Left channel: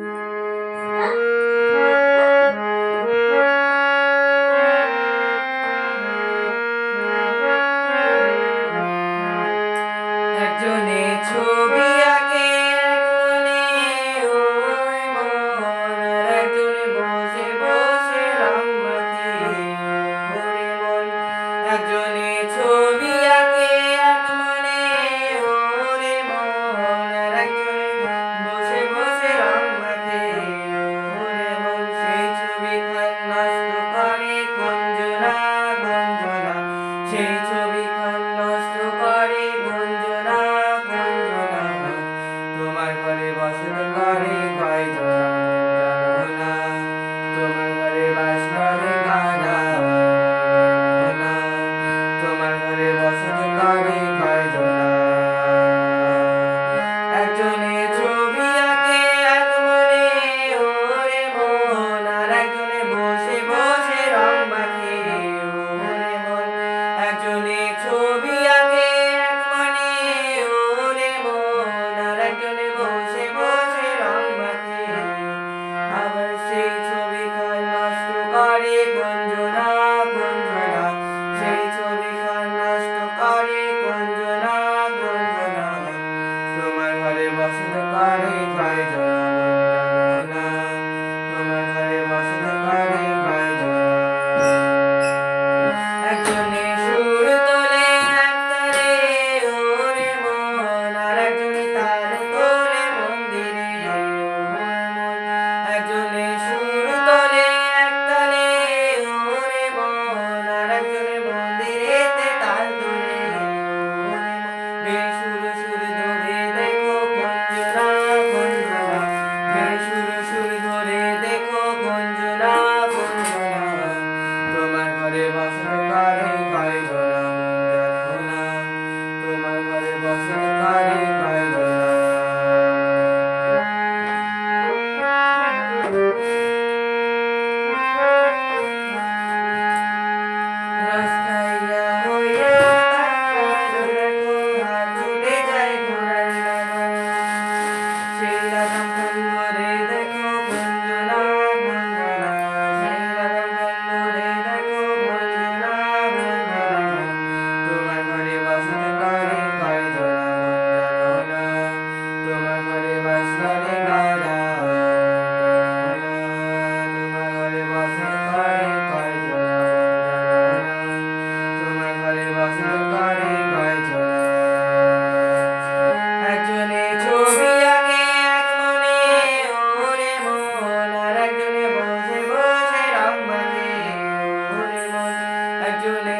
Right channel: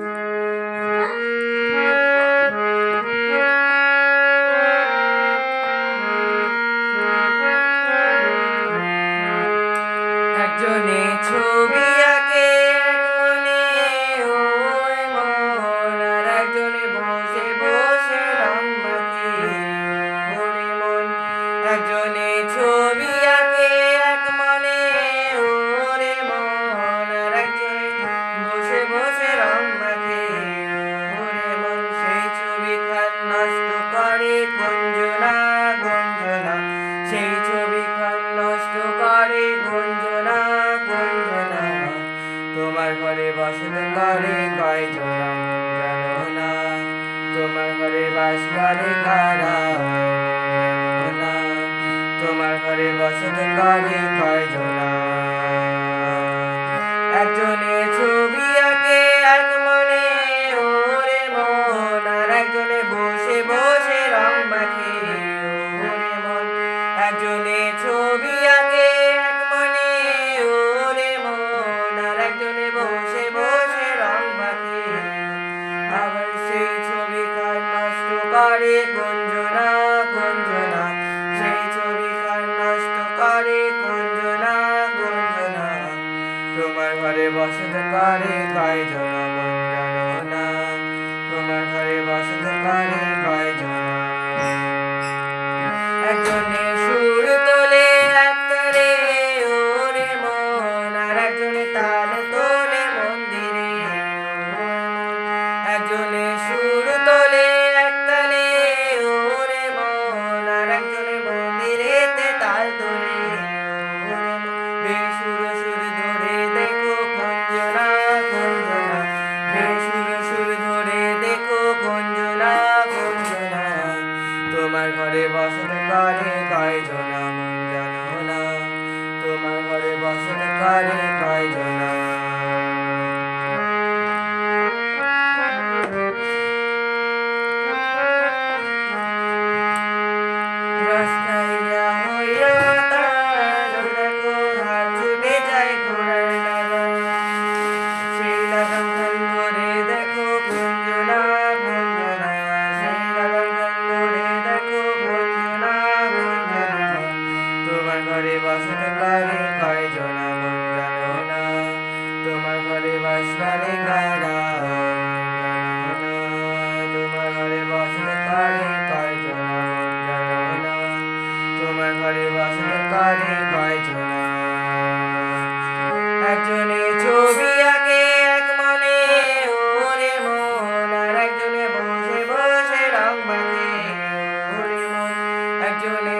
একজনে ছবি আঁকে এক মনে ওর মন, আর একজনে বসে বসে রং মাখে ওরে মন। একজনে ছবি আঁকে এক মনে ওরে মন, আর একজনে বসে বসে রং মাখে ওরে মন। সেই ছবি খান নষ্ট করে গঞ্জনা গঞ্জনা, সেই ছবি খান নষ্ট করে গঞ্জনা গঞ্জনা। তোমার ঘরে বসত করে কয়জনা জানো না, তোমার ঘরে বাস করে কারা জানো না, তোমার ঘরে বসত করে কয়জনা। একজনে ছবি আঁকে এক মনে ওরে মন, আর একজনে বসে বসে রং মাখে ওরে মন। একজনে ছবি আঁকে এক মনে ওরে মন, আর একজনে বসে বসে রং মাখে। আবার সেই ছবি খান নষ্ট করে গঞ্জনা গঞ্জনা, সেই ছবি খান নষ্ট করে গঞ্জনা গঞ্জনা। তোমার ঘরে বসত করে কয়জনা জানো না, তোমার ঘরে বসত করে কয়জনা। একজনে সুর তোলে এক তারে ওরে মন, আর একজনে তাল তোলে মন্দিরে ওরে মন। একজনে সুর তোলে এক তালে ওরে মন, আর একজনে মন্দিরেতে তাল তোলে ওরে মন। বেসুর সুর ধরে দেখো গঞ্জনা গঞ্জনা, বেসুর সুর ধরে দেখো গঞ্জনা গঞ্জনা। তোমার ঘরে বসত করে কয়জনা জানো না, তোমার ঘরে বসত করে কয়জনা। রাস্তাইয়া হইয়া তারা দেখো হাত ছুটে যায় ঘোড়ার লাগাম, সেই লাগাম খান ধরে দেখো গঞ্জনা গঞ্জনা, সেই লাগাম খান ধরে দেখো গঞ্জনা গঞ্জনা। তোমার ঘরে বসত করে কয়জনা জানো না, তোমার ঘরে বাস করে কারা জানো না, তোমার ঘরে বসত করে কয়জনা জানো না, তোমার ঘরে বসত করে কয়জনা। একজনে ছবি আঁকে এক মনে ওরে মন, আর একজনে বসে বসে রং মাখে ওরে মন। একজনে